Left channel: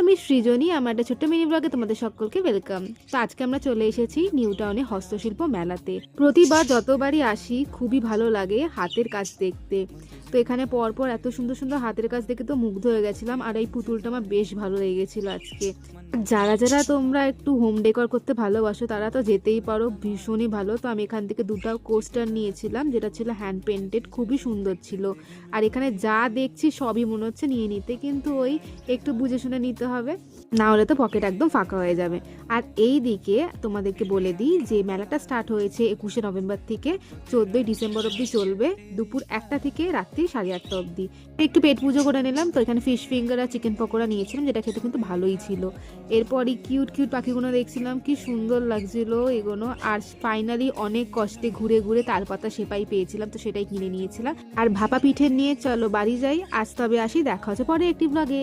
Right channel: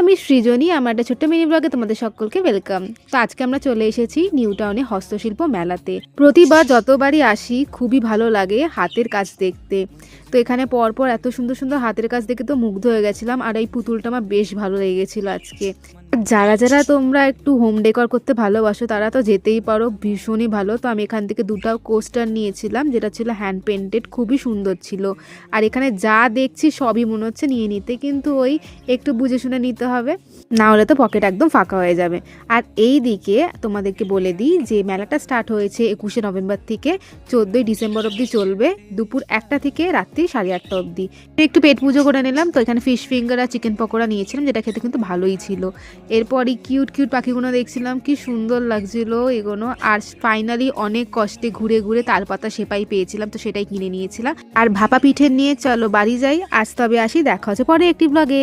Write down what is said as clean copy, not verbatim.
আমি সৃজনী, আমার একটা ছোট্ট মিনি ব্লগে তোমাদের সকলকে ওয়েলকাম। তো আজকে আমরা চলে এসেছি নিউ টাউনে হস্তশিল্প মেলাতে। প্রতিবার যতবারই আসি খুবই ভালো লাগে হাতের কাজ দেখতে। তো এখানে পরপর এত সুন্দর সুন্দর হাতের কাজ দেখে তো মুগ্ধ হয়ে গেছিলাম, আর এই পুতুলটা আমার বেশ ভালো লেগেছিল আজকে। যারা যারা তোমরা একটু হোম ডেকর করতে ভালোবাসো তারা তো যেতেই পারো, ভীষণই ভালো। তো আমি এখান থেকে দুটো কোস্টার নিয়েছিলাম, যেটা ছিল হ্যান্ড পেন্টেড, খুবই সুন্দর ছিল। আর এখানে যা দেখছি সবই মনে হচ্ছে নিয়ে নিতে, কিন্তু ওই একটু বুঝে শুনে নিতে হবে, না হলে তো পকেট একদম ফাঁকা হয়ে যাবে। আর এই দিকে তোমাদেরকে বলে দিই যে মেলাটা স্টার্ট হয়েছে 21শে নভেম্বর থেকে 14ই ডিসেম্বর অবধি চলবে, দুপুর 1টা থেকে রাত্রি 8:30 অবধি। একটু পেট পুজো করে নিলাম, তো এখানে ফিশ ফিঙ্গার আর চিকেন পকোড়া নিয়েছিলাম, যেটা খেতে কিন্তু ভালোই ছিল। এরপরই কিউট কিউট পাখিগুলো দেখছিলাম, কি সুন্দর লাগছিল এগুলো। আর ফাইনালি অনেক কষ্টে ঘুরে ঘুরে তালপাতা সেপাই পেয়েছিলাম, তো সেটাই কিনে নিয়েছিলাম। আর ভাপা পিঠে নিয়ে চলো বাড়ি যাই। আজ তবে আসি, দেখা হচ্ছে পরে একটি ব্লগে।